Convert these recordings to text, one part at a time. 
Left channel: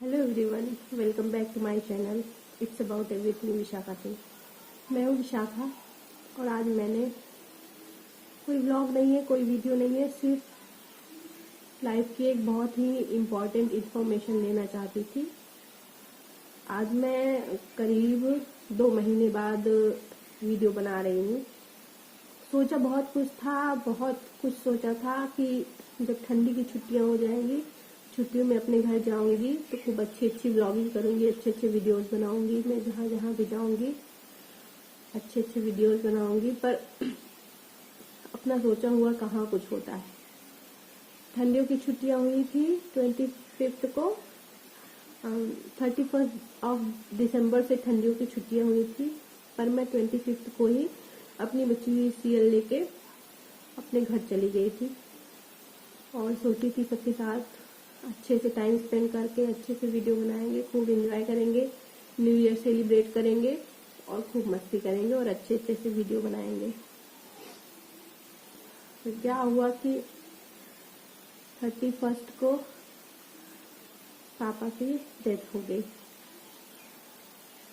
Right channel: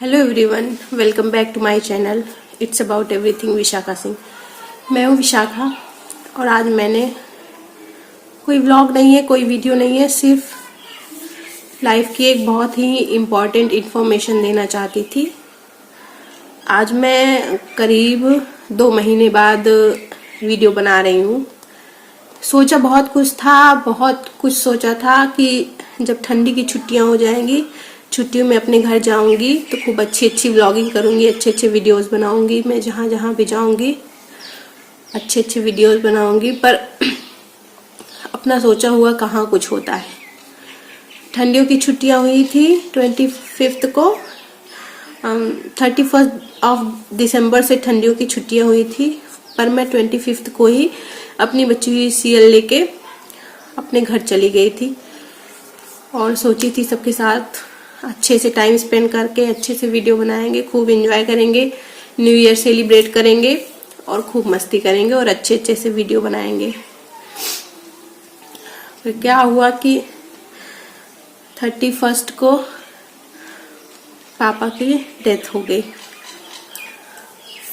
Hello everyone, welcome back to my channel. It's about everything Vishakha Singh. मैं हूँ विशाखा और आज मैंने कोई व्लॉग नहीं है, कोई वीडियो नहीं है, सिर्फ लाइफ की एक बहुत ही इम्पॉर्टेंट इन्फॉर्मेशन देना चाहती थी। आज मैं करीब 2 महीने बाद वीडियो बना रही हूँ। सोचा बहुत कुछ सोचा था कि जब ठंडी की छुट्टियाँ हो जाएंगी, छुट्टियों में अपने घर जाऊंगी तो खूब अच्छी व्लॉगिंग करूंगी, अच्छे वीडियोस बनाऊंगी। मैं जहाँ भी जाऊंगी अच्छे वीडियोस बनाऊंगी। पर अपना सोचा हुआ कहाँ कुछ होता है। ठंडियों की छुट्टियां हुई थी 25 को, 31 दिसंबर से ठंडियों की छुट्टियां हुई थी। पर मैं 25 को ही अपनी बची हुई सीएल लेके अपने घर चली गई थी और सोची थी सबके साथ अच्छे से टाइम स्पेंड करके अच्छे से वीडियो बनाएंगे, खूब एंजॉय करेंगे, न्यू ईयर सेलिब्रेट करेंगे और खूब मस्ती करेंगे और अच्छे से वीडियो बनाएंगे। फिर क्या हुआ कि 31 को पापा की डेथ हो गई।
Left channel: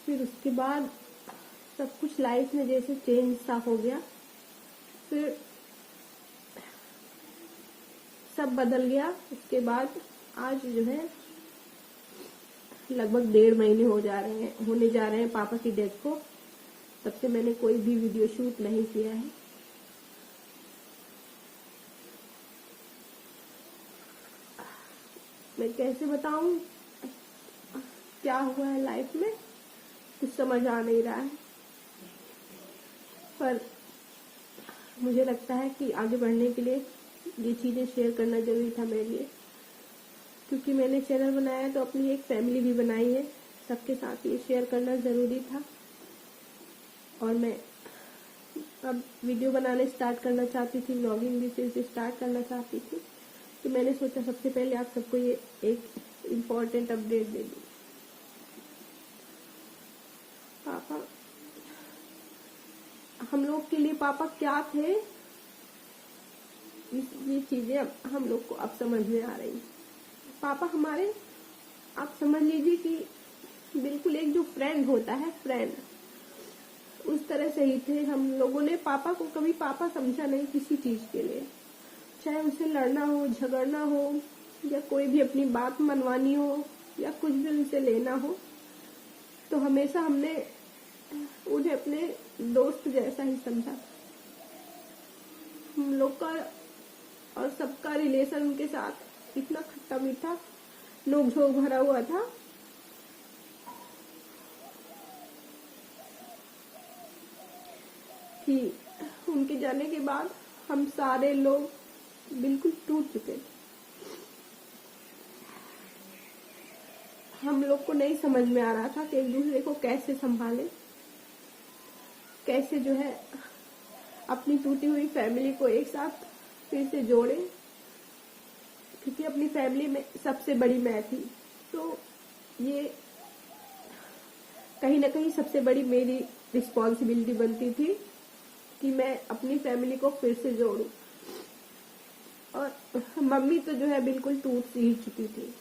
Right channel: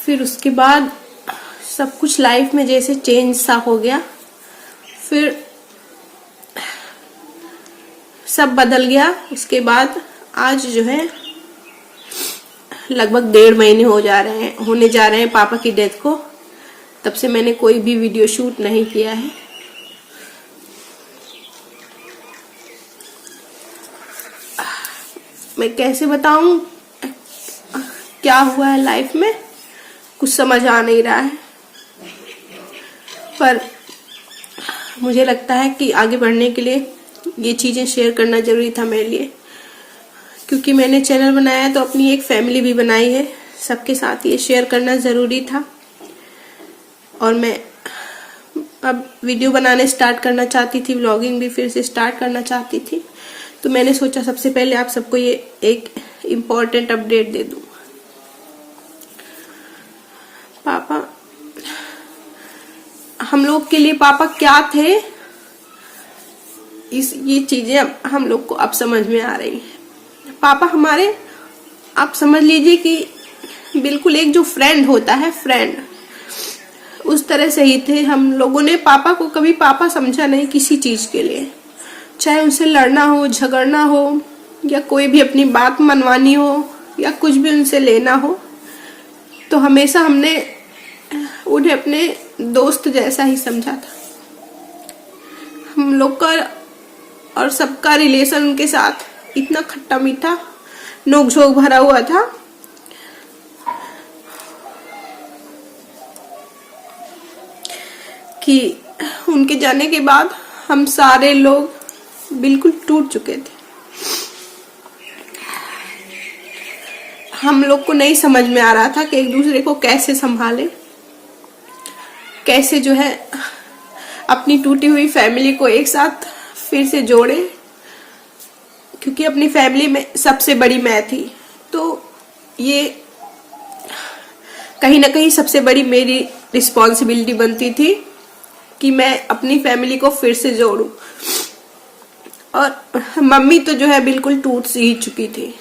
फिर उसके बाद सब कुछ लाइफ में जैसे चेंज सा हो गया। फिर सब बदल गया। उसके बाद आज जो है लगभग 1.5 महीने होने जा रहे हैं पापा की डेथ को। तब से मैंने कोई भी वीडियो शूट नहीं किया है। मैं कैसे बताऊं क्या हुआ है लाइफ में, कुछ समझ आ नहीं रहा है। पर मुझे लगता है कि आगे बढ़ने के लिए ये चीजें शेयर करना जरूरी था मेरे लिए, क्योंकि मैंने चैनल बनाया है तो अपनी एक फैमिली भी बनाई है। सबके साथ ये शेयर करना जरूरी था। और मैं अब वीडियो बनाने स्टार्ट करना चाहती थी, व्लॉगिंग भी फिर से स्टार्ट करना चाहती थी। तो मैंने सोचा सबसे पहले आप सबको ये एक इम्पोर्टेंट अपडेट दे दूं। पापा, हम लोग के लिए पापा क्या थे, ये चीजें हम लोग को अब समझ में आ रही हैं। पापा हमारे, आप समझ लीजिए कि बिल्कुल एक जो फ्रेंड होता है, फ्रेंड, उस तरह से ही थे। हम लोगों ने पापा को कभी पापा समझा नहीं किसी चीज के लिए, चाहे उनसे लड़ना हो, झगड़ना हो, या कोई भी अपनी बात मनवानी हो, या कुछ भी उनसे लेना हो, तो हमेशा हमने उन्हें अपने दोस्त जैसा ही समझा था। हम लोग का और सबका रिलेशन उनके साथ इतना खट्टा मीठा, नोक-झोंक भरा हुआ था कि उनके जाने के बाद हम सारे लोग बिल्कुल टूट चुके थे। हम लोग को नहीं समझ में आ रहा था कि एक दूसरे को कैसे संभाले, कैसे जो है अपनी टूटी हुई फैमिली को एक साथ फिर से जोड़े, क्योंकि अपनी फैमिली में सबसे बड़ी मैं थी। तो ये कहीं ना कहीं सबसे बड़ी मेरी रिस्पॉन्सिबिलिटी बनती थी कि मैं अपनी फैमिली को फिर से जोड़ूं। और मम्मी तो जो है बिल्कुल टूट सी ही चुकी थी,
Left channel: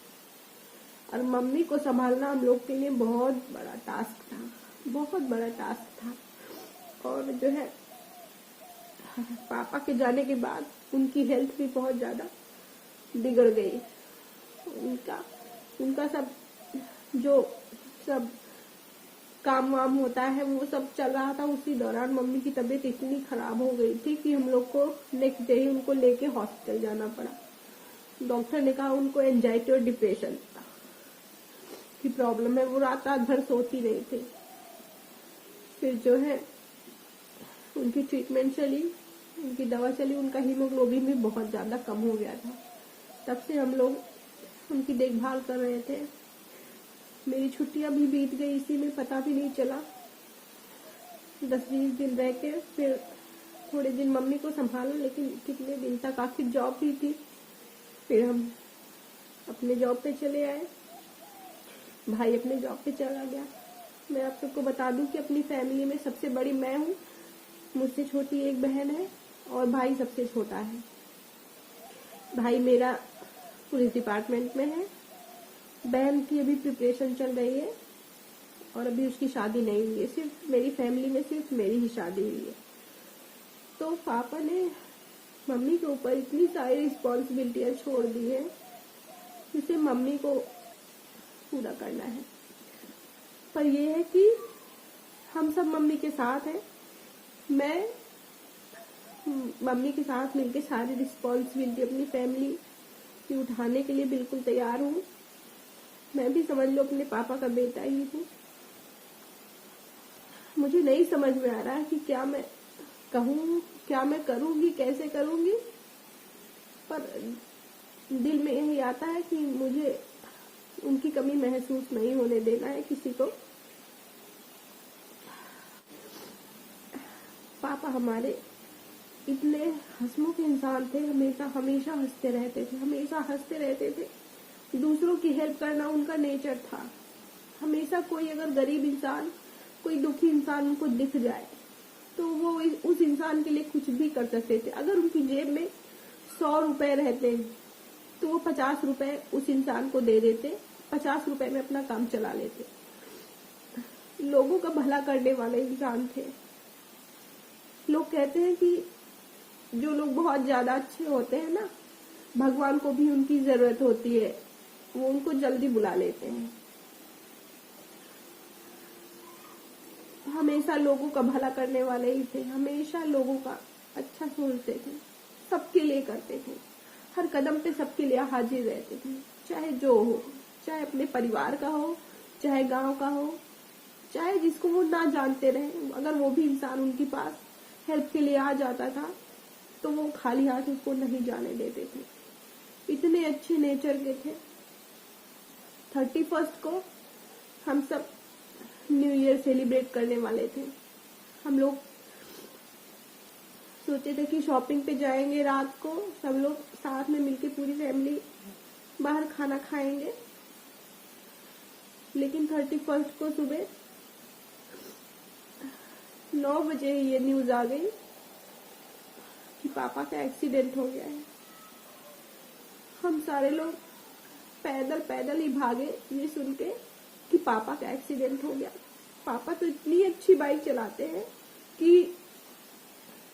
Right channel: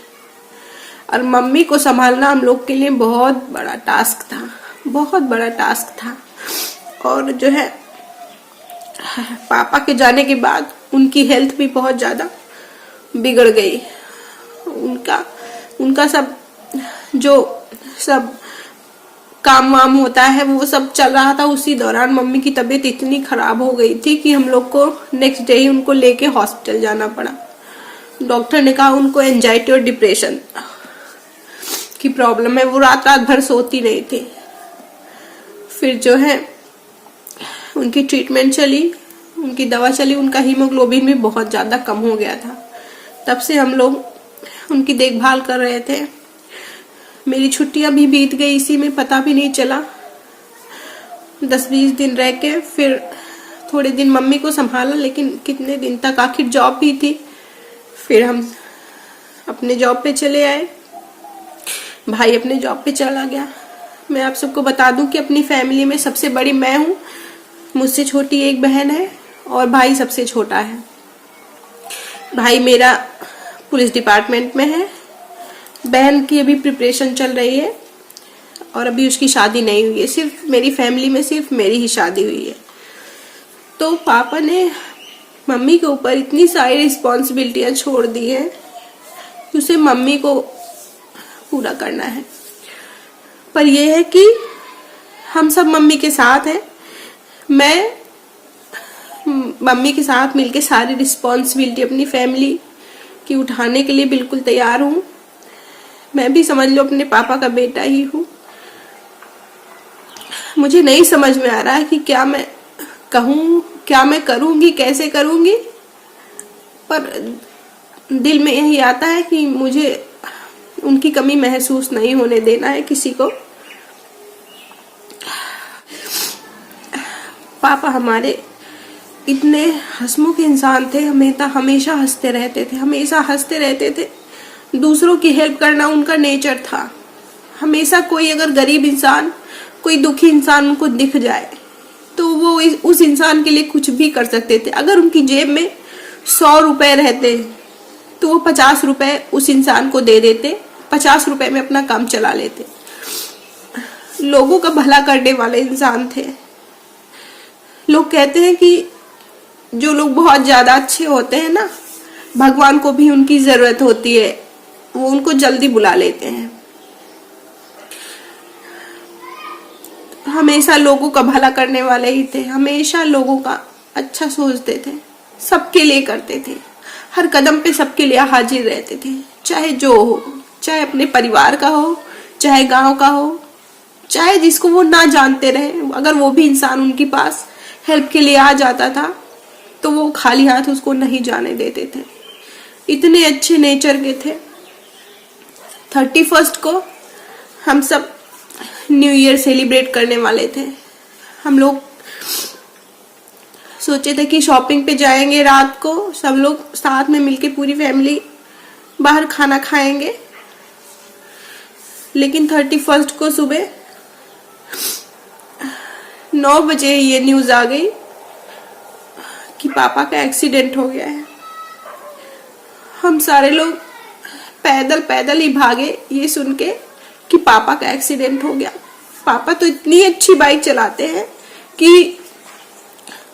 और मम्मी को संभालना हम लोग के लिए बहुत बड़ा टास्क था, बहुत बड़ा टास्क था। और जो है पापा के जाने के बाद उनकी हेल्थ भी बहुत ज्यादा बिगड़ गई। उनका सब काम वाम होता है वो सब चल रहा था। उसी दौरान मम्मी की तबीयत इतनी खराब हो गई थी कि हम लोग को नेक्स्ट डे ही उनको लेके हॉस्पिटल जाना पड़ा। डॉक्टर ने कहा उनको एंजाइटी और डिप्रेशन की प्रॉब्लम है। वो रात भर सोती नहीं थी। फिर जो है उनकी ट्रीटमेंट चली, उनकी दवा चली, उनका हीमोग्लोबिन भी बहुत ज्यादा कम हो गया था। तब से हम लोग उनकी देखभाल कर रहे थे। मेरी छुट्टियां भी बीत गई इसी में, पता भी नहीं चला। 10-20 दिन रह के फिर थोड़े दिन मम्मी को संभाला, लेकिन कितने दिन तक, आखिर जॉब भी थी। फिर हम अपने जॉब पे चले आए, भाई अपने जॉब पे चला गया। मैं आप सबको बता दूं कि अपनी फैमिली में सबसे बड़ी मैं हूँ, मुझसे छोटी एक बहन है और भाई सबसे छोटा है। भाई मेरा पुलिस डिपार्टमेंट में है बहन की अभी प्रिपरेशन चल रही है और अभी उसकी शादी नहीं हुई है। सिर्फ मेरी फैमिली में सिर्फ मेरी ही शादी हुई है। तो पापा ने मम्मी के ऊपर इतनी सारी रिस्पॉन्सिबिलिटियां छोड़ दी है कि उसे मम्मी को पूरा करना है। पर यह है कि हम सब मम्मी के साथ हैं। मैं मम्मी के साथ मिलके सारी रिस्पॉन्सिबिलिटी अपनी फैमिली की उठाने के लिए बिल्कुल तैयार हूँ। मैं भी समझ लो अपने पापा का बेटा ही हूँ। मुझे नहीं समझ में आ रहा है कि क्या मैं कहूँ, क्या मैं करूँगी, कैसे करूँगी। पर दिल में यही आता है कि मुझे उनकी कमी महसूस नहीं होने देना है किसी को। पापा हमारे इतने हंसमुख इंसान थे, हमेशा हंसते रहते थे। दूसरों की हेल्प करना उनका नेचर था। हमेशा कोई अगर गरीब इंसान, कोई दुखी इंसान उनको दिख जाए तो वो उस इंसान के लिए कुछ भी कर सकते थे। अगर उनकी जेब में 100 रुपए रहते तो वो 50 रुपए उस इंसान को दे देते, 50 रुपए में अपना काम चला लेते। लोगों का भला करने वाले इंसान थे। लोग कहते हैं कि जो लोग बहुत ज्यादा अच्छे होते हैं ना, भगवान को भी उनकी जरूरत होती है, वो उनको जल्दी बुला लेते हैं। हमेशा लोगों का भला करने वाले ही थे, हमेशा लोगों का अच्छा सोचते थे, सबके लिए करते थे, हर कदम पे सबके लिए हाजिर रहते थे। चाहे जो हो, चाहे अपने परिवार का हो, चाहे गांव का हो, चाहे जिसको वो ना जानते रहे, अगर वो भी इंसान उनके पास हेल्प के लिए आ जाता था तो वो खाली हाथ उसको नहीं जाने देते थे। इतने अच्छे नेचर के थे। 31 को हम सब न्यू ईयर सेलिब्रेट करने वाले थे। हम लोग सोचे थे कि शॉपिंग पे जाएंगे, रात को सब लोग साथ में मिलके पूरी फैमिली बाहर खाना खाएंगे। लेकिन 31 को सुबह 9 बजे ये न्यूज आ गई कि पापा का एक्सीडेंट हो गया है। हम सारे लोग पैदल पैदल ही भागे ये सुन के कि पापा का एक्सीडेंट हो गया। पापा तो इतनी अच्छी बाइक चलाते हैं कि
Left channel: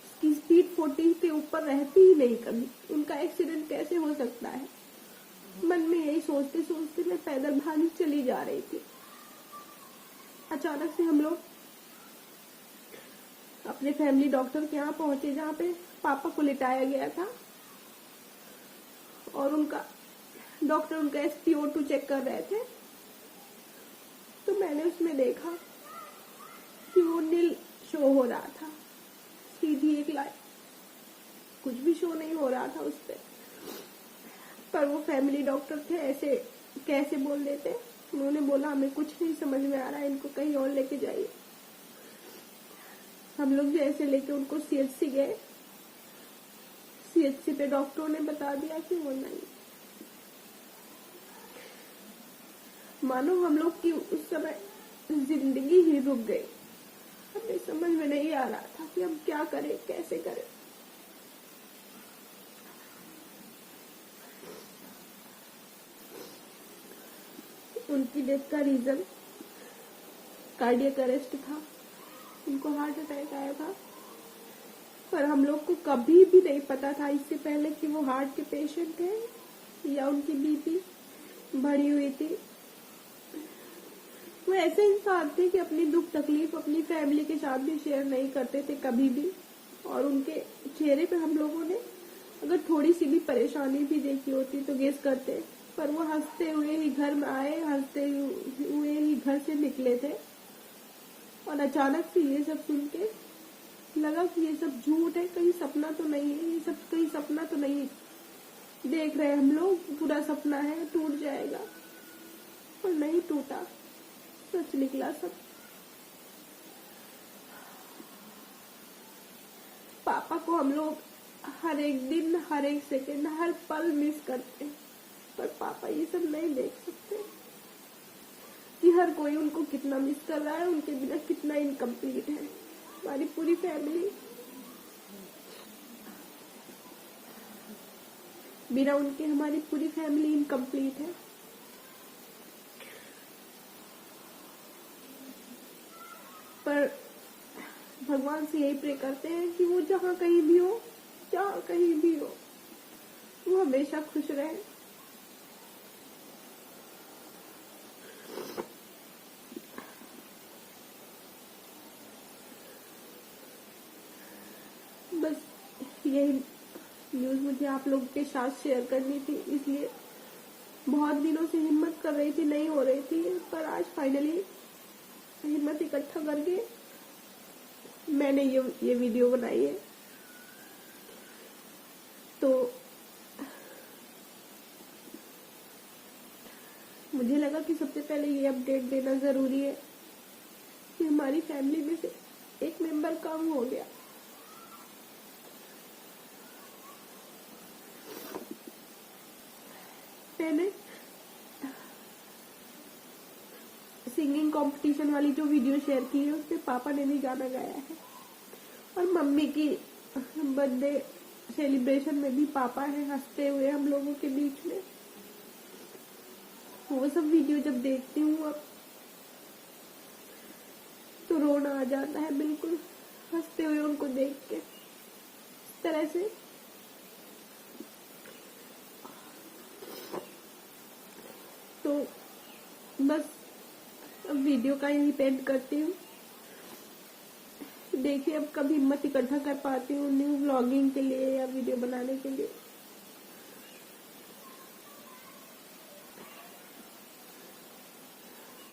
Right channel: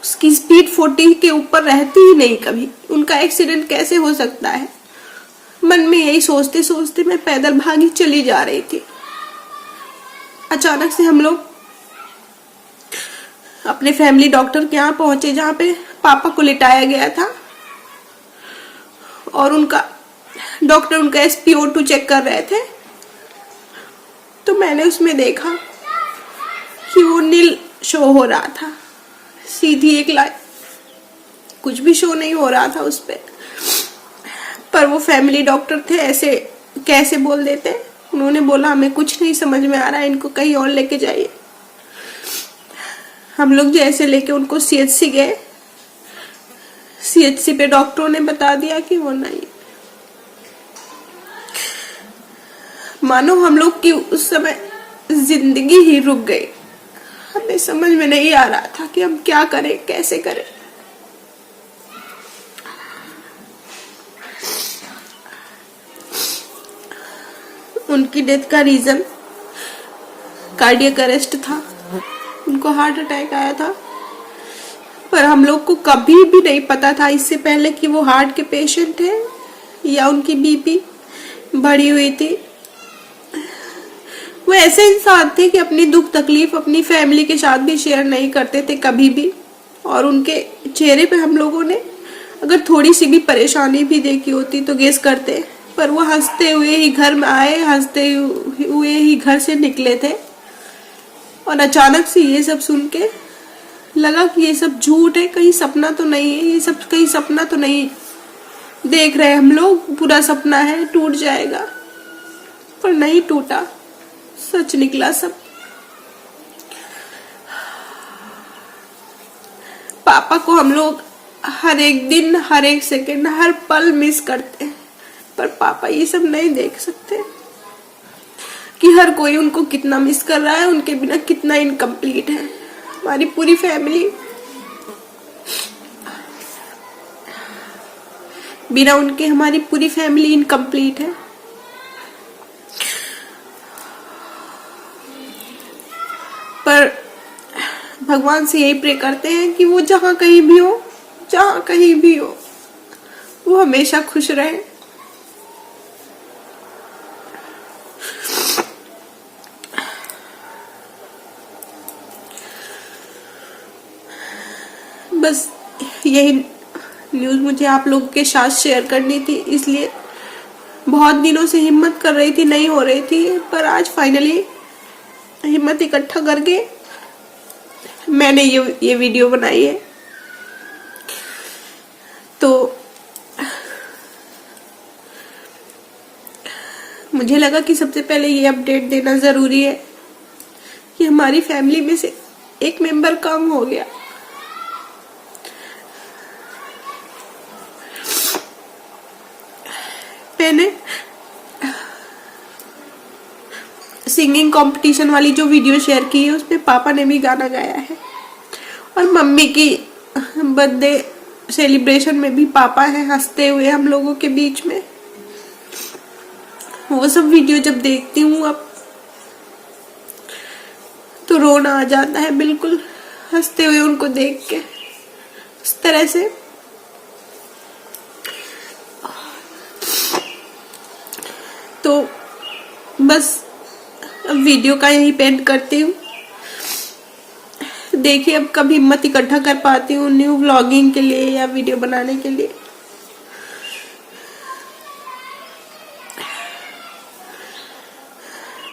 उसकी स्पीड 40 के ऊपर रहती ही नहीं कभी। उनका एक्सीडेंट कैसे हो सकता है? मन में यही सोचते सोचते मैं पैदल भागी चली जा रही थी। अचानक से हम लोग अपने फैमिली डॉक्टर के यहाँ पहुंचे, जहाँ पे पापा को लिटाया गया था, और डॉक्टर उनका SpO2 चेक कर रहे थे। तो मैंने उसमें देखा कि वो नील शो हो रहा था, सीधी एक लाइन, कुछ भी शो नहीं हो रहा था उस पर वो फैमिली डॉक्टर थे, ऐसे कैसे बोल देते। उन्होंने बोला हमें कुछ नहीं समझ में आ रहा है, इनको कहीं और लेके जाइए। हम लोग जैसे लेके उनको CHC गए, CHC पे डॉक्टरों ने बता दिया कि वो नहीं। मानो हम लोग की उस समय जिंदगी ही रुक गई। हमें समझ में नहीं आ रहा था कि हम क्या करें, कैसे करें। उनकी डेथ का रीजन कार्डियक अरेस्ट था। उनको हार्ट अटैक आया था, पर हम लोग को कभी भी नहीं पता था इससे पहले कि वो हार्ट के पेशेंट है या उनकी BP बढ़ी हुई थी। वो ऐसे इंसान थे कि अपनी दुख तकलीफ अपनी फैमिली के साथ भी शेयर नहीं करते थे कभी भी। और उनके चेहरे पे हम लोगों ने अगर थोड़ी सी भी परेशानी भी देखी होती तो गेस करते, पर वो हंसते हुए ही घर में आए, हंसते हुए ही घर से निकले थे। और अचानक से ये सब सुन के लगा कि ये सब झूठ है, कहीं सपना तो नहीं है, ये सब कहीं सपना तो नहीं देख रहे हम लोग, पूरा सपना है, टूट जाएगा। पर नहीं टूटा, सच निकला सब। पापा को हम लोग हर एक दिन, हर एक सेकंड, हर पल मिस करते हैं, पर पापा ये सब नहीं देख सकते कि हर कोई उनको कितना मिस कर रहा है, उनके बिना कितना इनकम्प्लीट है। हमारी पूरी फैमिली बिना उनके, हमारी पूरी फैमिली इनकम्प्लीट है। भगवान से यही प्रे करते हैं कि वो जहाँ कहीं भी हो वो हमेशा खुश रहे। बस यही न्यूज़ मुझे आप लोगों के साथ शेयर करनी थी, इसलिए बहुत दिनों से हिम्मत कर रही थी, नहीं हो रही थी, पर आज फाइनली हिम्मत इकट्ठा करके मैंने ये वीडियो बनाई है। तो मुझे लगा कि सबसे पहले ये अपडेट देना जरूरी है कि हमारी फैमिली में से एक मेंबर कम हो गया। मैंने सिंगिंग कंपटीशन वाली जो वीडियो शेयर की है उसमें पापा ने भी गाना गाया है, और मम्मी की बर्थडे सेलिब्रेशन में भी पापा है हंसते हुए हम लोगों के बीच में। वो सब वीडियो जब देखती हूँ अब तो रोना आ जाता है, बिल्कुल हंसते हुए उनको देख के इस तरह से। तो बस अब वीडियो का यही पेंट करती हूँ। देखिए अब कब हिम्मत इकट्ठा कर पाती हूँ न्यू व्लॉगिंग के लिए या वीडियो बनाने के लिए।